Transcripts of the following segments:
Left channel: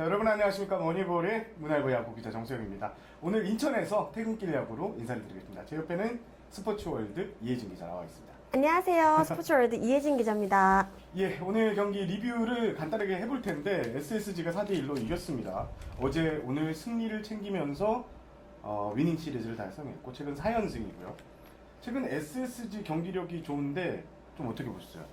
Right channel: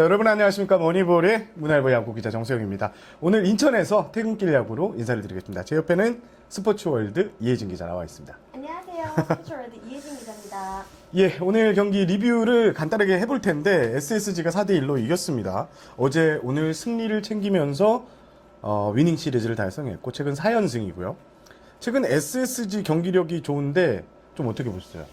자, 여러분 안녕하십니까. 머니볼의 문화일보 야구 기자 정세영입니다. 오늘 인천에서 퇴근길 야구로 인사를 드리겠습니다. 제 옆에는 스포츠월드 이혜진 기자 나와 있습니다. 안녕하세요. 스포츠월드 이혜진 기자입니다. 예, 오늘 경기 리뷰를 간단하게 해볼 텐데 SSG가 4대1로 이겼습니다. 어제 오늘 승리를 챙기면서 위닝 시리즈를 달성했고 최근 4연승이고요. 최근 SSG 경기력이 좋은데 좀 어떻게 보셨어요?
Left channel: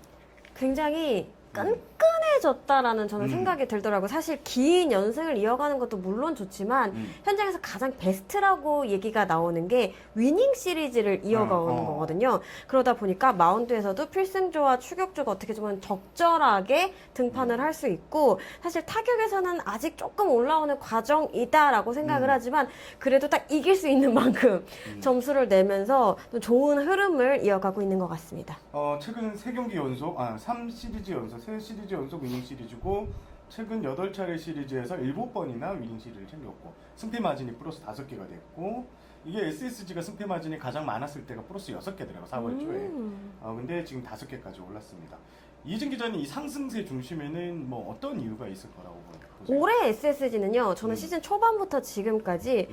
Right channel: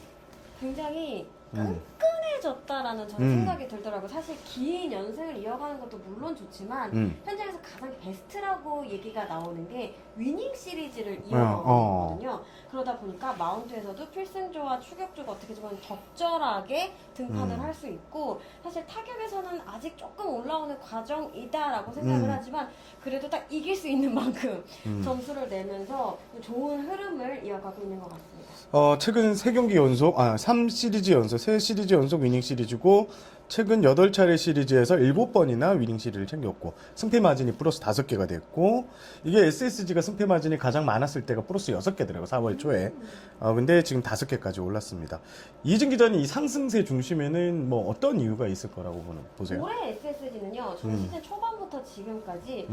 굉장히 끈끈해졌다라는 저는 생각이 들더라고요. 사실 긴 연승을 이어가는 것도 물론 좋지만 현장에서 가장 베스트라고 얘기가 나오는 게 위닝 시리즈를 이어가는 거거든요. 그러다 보니까 마운드에서도 필승조와 추격조가 어떻게 보면 적절하게 등판을 할 수 있고 사실 타격에서는 아직 조금 올라오는 과정이다라고 생각을 하지만 그래도 딱 이길 수 있는 만큼 점수를 내면서 또 좋은 흐름을 이어가고 있는 것 같습니다. 최근 3경기 연속, 3시리즈 연속, 3시리즈 연속 위닝 시리즈고, 최근 8차례 시리즈에서 7번이나 위닝 시리즈를 챙겼고, 승패 마진이 플러스 5개가 됐고, 이게 SSG가 승패 마진이 가장 많았을 때가 플러스 6개더라고요, 4월 초에. 근데 지금 5개까지 올랐습니다. 이진 기자는 이 상승세 중심에는 뭐 어떤 이유가 있을 거라고 보세요? 올해 SSG는요, 저는 시즌 초반부터 지금까지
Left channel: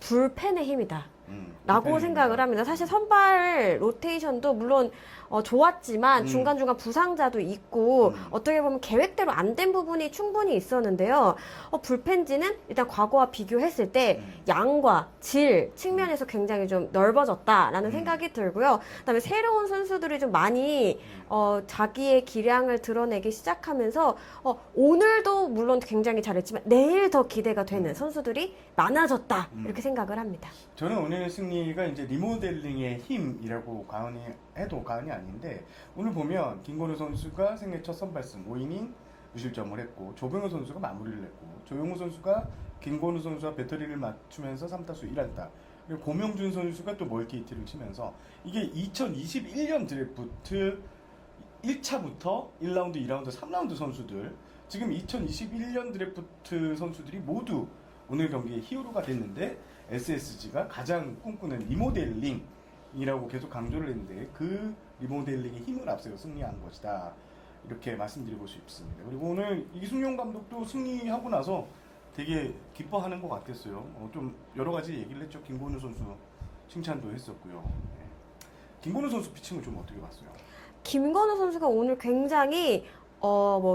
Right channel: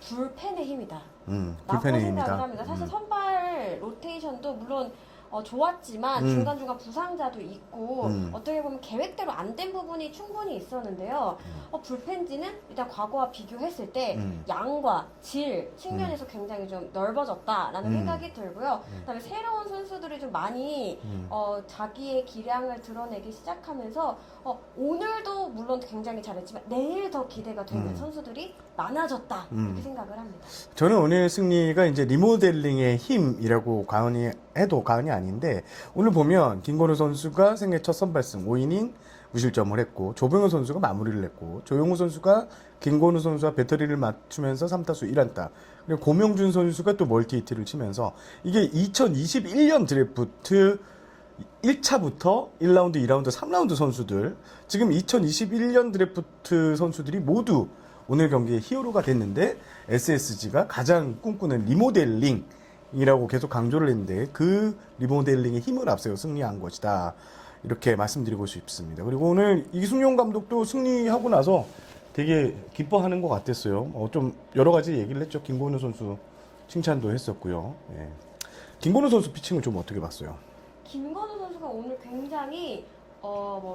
불펜의 힘이다. 라고 불펜의 생각을 힘이다. 합니다. 사실 선발 로테이션도 물론 좋았지만 중간중간 부상자도 있고 어떻게 보면 계획대로 안 된 부분이 충분히 있었는데요. 불펜진은 일단 과거와 비교했을 때 양과 질 측면에서 굉장히 좀 넓어졌다라는 생각이 들고요. 그다음에 새로운 선수들이 좀 많이 자기의 기량을 드러내기 시작하면서 오늘도 물론 굉장히 잘했지만 내일 더 기대가 되는 선수들이 많아졌다 이렇게 생각을 합니다. 저는 오늘 승리가 이제 리모델링의 힘이라고 해도 과언이 아닌데, 오늘 보면 김건우 선수가 생애 첫 선발승 5이닝 무실점을 했고, 조병현 선수가 마무리를 했고, 조용우 선수가 김건우 선수와 배터리를 맞추면서 3타수 1안타, 그리고 고명준 선수가 또 멀티히트를 치면서, 이게 2021년 드래프트 1차부터 1라운드, 2라운드, 3라운드 선수들, 지금 2021년 드래프트 선수들이 모두 오늘 경기에 히어로가 됐는데, SSG가 가장 꿈꾸는 리모델링이라고 계속 강조를 했는데, 그 리모델링의 힘을 앞세워 승리한 것이다, 이렇게 말씀드리고 싶습니다. 그리고 오늘 이승용 감독도 승리하고 나서 되게 기뻐하는 것 같았어요. 좀 여러 가지 얘기를 했죠. 김건우 선수 칭찬도 했었고요. 네. 김건우 선수 피칭을 좀 어떻게 봤어요? 김건우 선수가 오늘 굉장히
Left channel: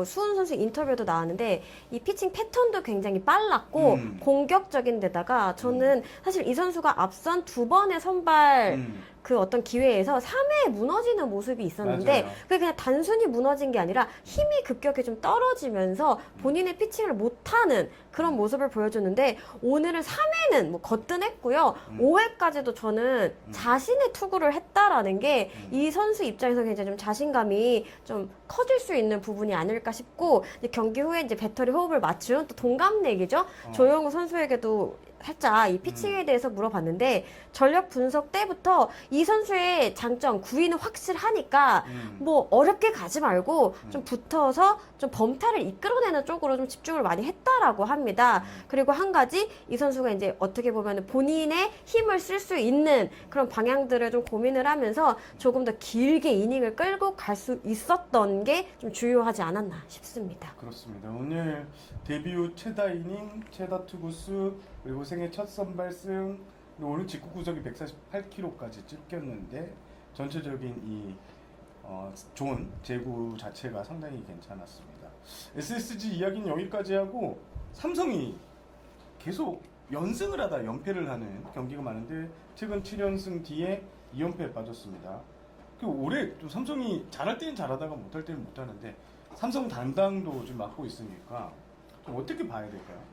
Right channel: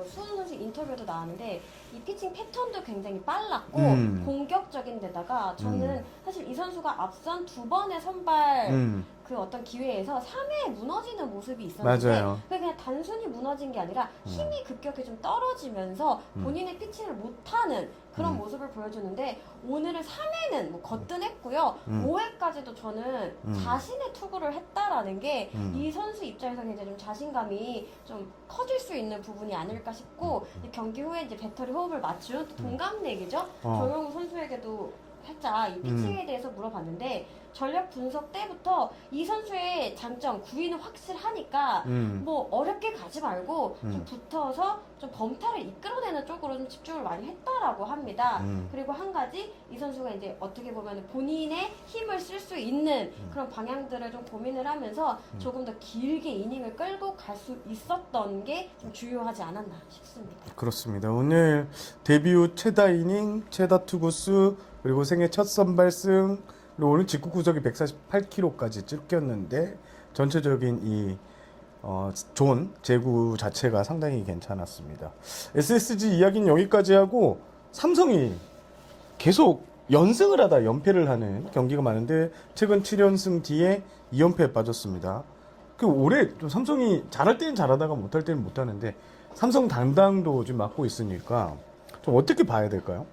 수훈 선수 인터뷰도 나왔는데 이 피칭 패턴도 굉장히 빨랐고 공격적인 데다가 저는 사실 이 선수가 앞선 2번의 선발 그 어떤 기회에서 3회에 무너지는 모습이 있었는데 맞아요. 그게 그냥 단순히 무너진 게 아니라 힘이 급격히 좀 떨어지면서 본인의 피칭을 못하는 그런 모습을 보여줬는데 오늘은 3회는 뭐 거뜬했고요. 5회까지도 저는 자신의 투구를 했다라는 게 이 선수 입장에서 굉장히 좀 자신감이 좀 커질 수 있는 부분이 아닐까 싶고 이제 경기 후에 이제 배터리 호흡을 맞춘 또 동갑내기죠. 조용우 선수에게도 살짝 이 피칭에 대해서 물어봤는데 전력 분석 때부터 이 선수의 장점 구위는 확실하니까 뭐 어렵게 가지 말고 좀 붙어서 좀 범타를 이끌어내는 쪽으로 좀 집중을 많이 했다라고 합니다. 그리고 한 가지 이 선수가 이제 어떻게 보면 본인의 힘을 쓸 수 있는 그런 방향들을 좀 고민을 하면서 조금 더 길게 이닝을 끌고 갈 수 있었던 게 좀 주요하지 않았나 싶습니다. 그렇습니다. 오늘 데뷔 후 최다 이닝, 최다 투구수, 그리고 생애 첫 선발승, 그리고 오늘 직구 구속이 148km까지 찍혔는데 전체적인 이 존 제구 자체가 상당히 괜찮았습니다. SSG 이야기는 여기까지 하고, 삼성이 계속 연승을 하다 연패를 하는 경기가 많은데 최근 7연승 뒤에 2연패에 빠졌습니다. 올해 좀 삼성이 잘할 때는 잘하다가 못할 때는 못하는데 삼성 당당도 좀 맡고 있으니까 좀 어떻게 봐야 될까요?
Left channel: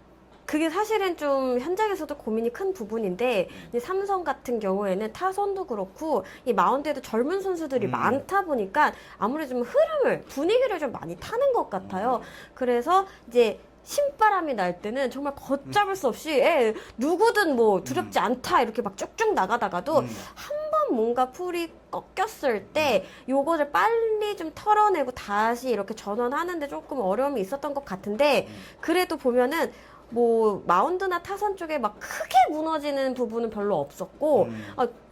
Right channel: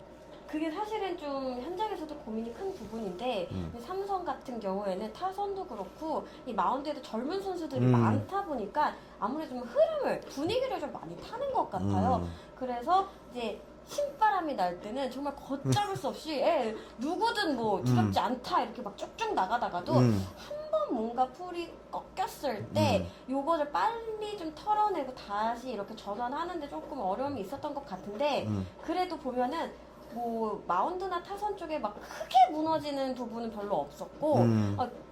그게 사실은 좀 현장에서도 고민이 큰 부분인데 이 삼성 같은 경우에는 타선도 그렇고 이 마운드에도 젊은 선수들이 많다 보니까 아무래도 좀 분위기를 좀 많이 타는 것 같아요. 그래서 이제 신바람이 날 때는 정말 걷잡을 수 없이 누구든 뭐 두렵지 않다 이렇게 막 쭉쭉 나가다가도 한 번 뭔가 풀이 꺾였을 때 요거를 빨리 좀 털어내고 다시 이렇게 전환하는데 조금 어려움이 있었던 것 같은데 그래도 보면은 뭐 마운드나 타선 쪽에 막 크게 무너지는 부분은 별로 없었고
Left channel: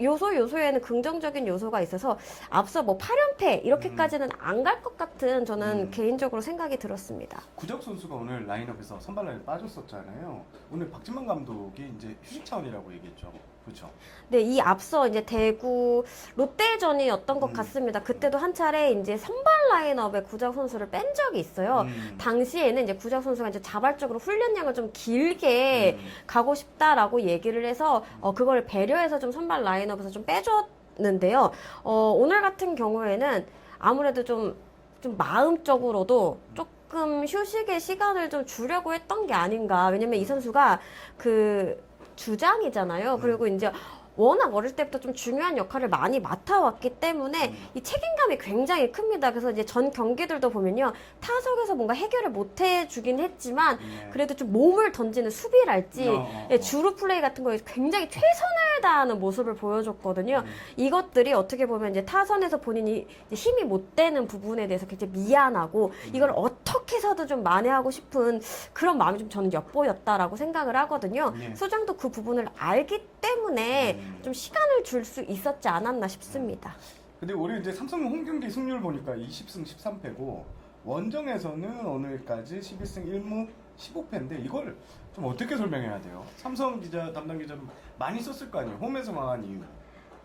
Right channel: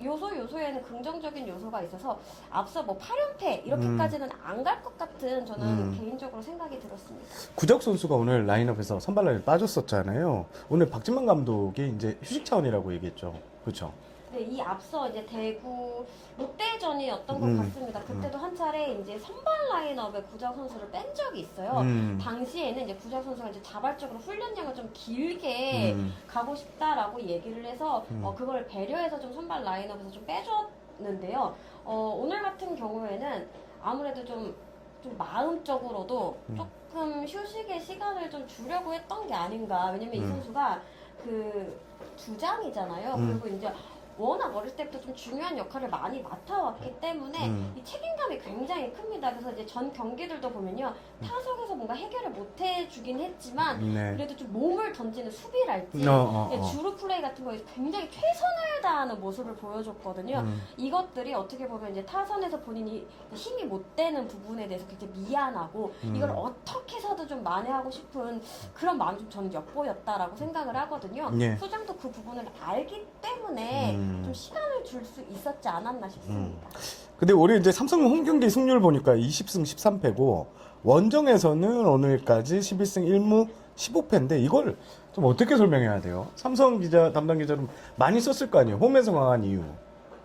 요소에는 긍정적인 요소가 있어서 앞서 뭐 8연패 이렇게까지는 안 갈 것 같은 저는 개인적으로 생각이 들었습니다. 구적 선수가 오늘 라인업에서 선발 라인에 빠졌었잖아요. 오늘 박진만 감독이 이제 휴식 차원이라고 얘기했죠. 그렇죠? 네, 이 앞서 이제 대구 롯데전이었던 것 같습니다. 그때도 한 차례 이제 선발 라인업에 구자욱 선수를 뺀 적이 있어요. 당시에는 이제 구자욱 선수가 이제 자발적으로 훈련량을 좀 길게 가고 싶다라고 얘기를 해서 그걸 배려해서 좀 선발 라인업에서 좀 빼줬는데요. 오늘 같은 경우에는 아무래도 좀 마음적으로도 조금 휴식의 시간을 좀 주려고 했던 게 아닌가. 왜냐면 이 선수가 그 주장이잖아요. 그리고 이제 워낙 어릴 때부터 좀 중요한 역할을 많이 맡아왔기 때문에 이 책임감이 굉장히 큽니다. 그래서 이제 전 경기들도 보면요. 타석에서 뭔가 해결을 못 해주긴 했지만 그래도 좀 몸을 던지는 수비랄지 주루 플레이 같은 거에 굉장히 최선을 다하는 모습을 보여줬거든요. 이것들이 어떻게 보면 이제 타선에서 본인이 힘이 못 되는 부분에 대해서 굉장히 미안하고 이걸 어떻게 해서든 좀 만회하고 싶은 그런 마음이 좀 저는 엿보였다라고 생각을 하거든요. 수장도 그 부분을 알기 때문에 좀 시간을 줄 수 있었지 않았나 싶습니다. 근데 올해 이제 삼성 홈 경기 승률 보니까 20승 13패고 원정에서는 오늘까지 12승 1무 15패인데 이걸 좀 어떻게 설명해야 돼요? 삼성 기자 담당 기자는 많이 썼을 거 아니에요. 홈에서 강한 이유.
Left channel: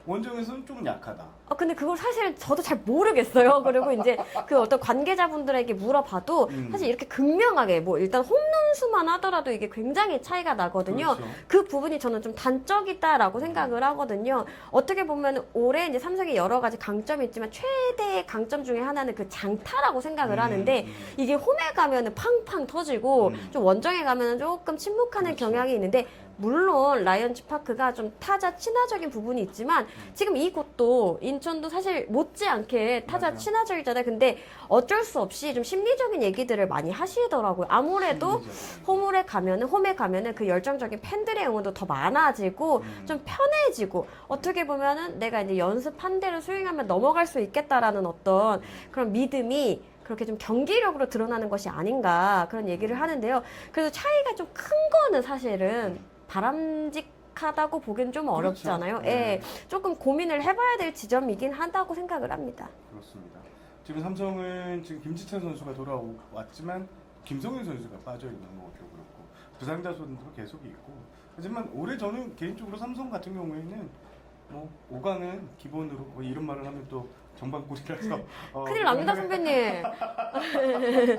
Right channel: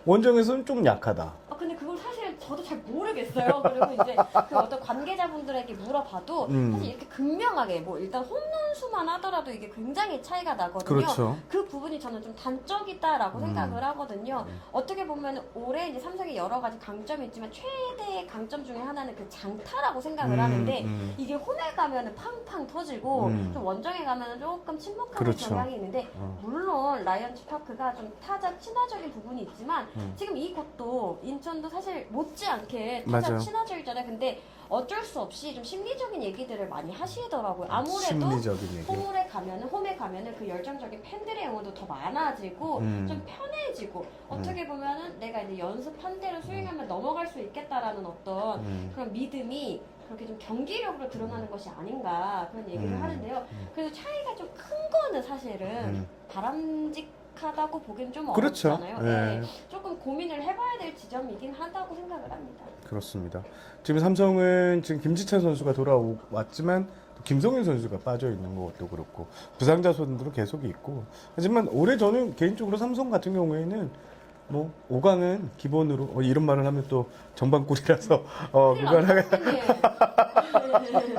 원정에서는 좀 약하다. 근데 그걸 사실 저도 잘 모르겠어요. 그리고 이제 그 어떤 관계자분들에게 물어봐도 사실 이렇게 극명하게 뭐 일단 홈런수만 하더라도 이게 굉장히 차이가 나거든요. 그렇죠. 그 부분이 저는 좀 단적이다라고 생각을 하거든요. 어떻게 보면 올해 이제 삼성이 여러 가지 강점이 있지만 최대의 강점 중에 하나는 그 장타라고 생각을 하는데 이게 홈에 가면은 팡팡 터지고 좀 원정에 가면은 조금 침묵하는 그렇죠. 경향이 있는데 물론 라이언즈 파크가 좀 타자 친화적인 부분이 있지만 지금 이곳도 인천도 사실 못지않게 타자 맞아요. 친화적이잖아요. 근데 어쩔 수 없이 좀 심리적인 얘기들을 많이 하시더라고요. 아무래도 심리적인 얘기. 홈에 가면은 그 열정적인 팬들의 응원도 더 많아지고 좀 편해지고 어떻게 보면은 내가 이제 연습한 대로 스윙하면 넘어갈 수 있겠다라는 어떤 그런 믿음이 그렇게 좀 경기력으로 드러나는 것이 아닌가 그런 얘기를 하는데요. 그래도 차이가 좀 큰 거는 사실은 바람직하다고 보기엔 좀 그렇죠. 어렵잖아요. 네. 조금 고민을 해봐야 될 지점이긴 하다고 생각을 합니다. 그렇습니다. 지금 삼성은 지금 김지찬 선수가 돌아왔지만 김성윤 선수가 빠져 있는 것도 그렇고 부상자 선수도 계속 있고 하지만 올해 저는 개인적으로 삼성 같은 경우에는 뭐 5강은 기본으로 이런 말을 하면 또 정방꿀이라서 큰일 납니다, 선배님.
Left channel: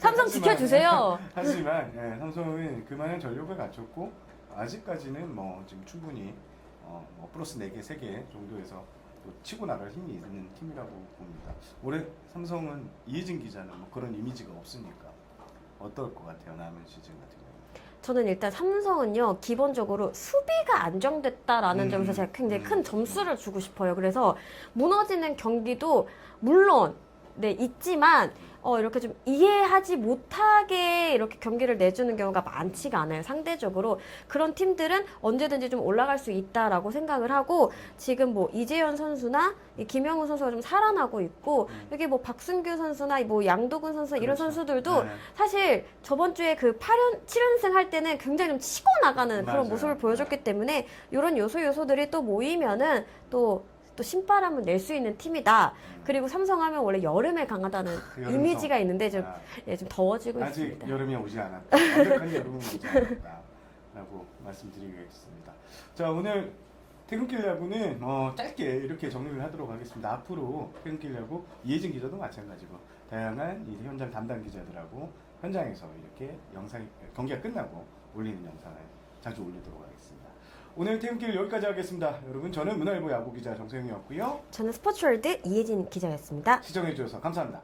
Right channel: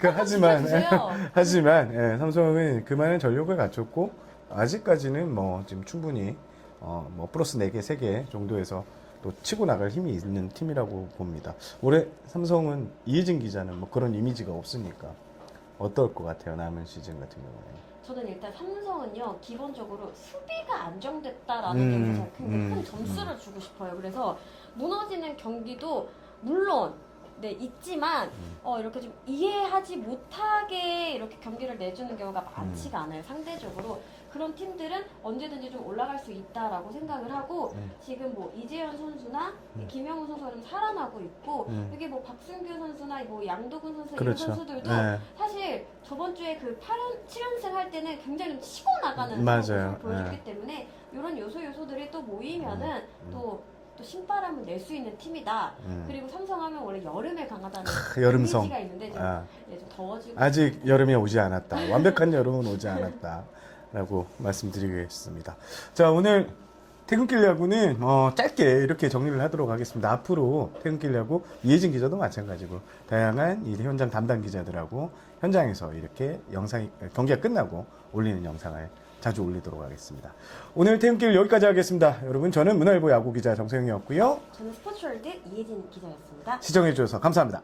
삼성 지켜주세요. 하지만 삼성은 그만한 전력을 갖췄고 아직까지는 뭐 지금 충분히 뭐 플러스 4개, 3개 정도에서 또 치고 나갈 힘이 있는 팀이라고 봅니다. 올해 삼성은 이혜진 기자는 뭐 그런 이미지가 없으니까 어떨 것 같아요, 남은 시즌 같은 경우는? 저는 일단 삼성은요 기본적으로 수비가 안정됐다라는 점에서 제가 굉장히 큰 점수를 주고 싶어요. 그래서 무너지는 경기도 물론 있지만 이렇게 좀 이해하지 못하게 이렇게 경기를 내주는 경우가 많지가 않아요. 상대적으로 그런 팀들은 언제든지 좀 올라갈 수 있다라고 생각을 하고 지금 뭐 이재현 선수나 이 김영우 선수가 좀 살아나고 있고 여기 뭐 박승규 선수나 뭐 양도근 선수 이런 그렇죠. 선수들도 네. 사실 저번 주에 그 7연승 할 때는 굉장히 좀 치고 나가는 맞아요. 그런 모습을 보여줬기 네. 때문에 이런 요소들이 또 모이면은 또 신바람을 낼 수 있는 팀이다. 그리고 삼성하면 원래 여름에 강하다는 여름성. 이미지가 있는데 좀, 아. 좀 더워지고 아직 여름이 오지 않았다. 완벽한 여름은 오지 않았다라고 말씀드리겠습니다. 자, 오늘 퇴근길 야구는 짧게 이렇게 정리를 하도록 하겠습니다. 앞으로 퇴근길 야구 이혜진 기자도 마찬가지고 다양한 이 현장 담당 기자들하고 현장에서 이렇게 경기가 끝나고 올리는 영상을 자주 올리도록 하겠습니다. 오늘 퇴근길 여기까지 하겠습니다. 여러분, 저는 문화일보 야구 기자 정세영이었고요. 저는 스포츠월드 이혜진 기자였습니다. 시청해 주셔서 감사합니다.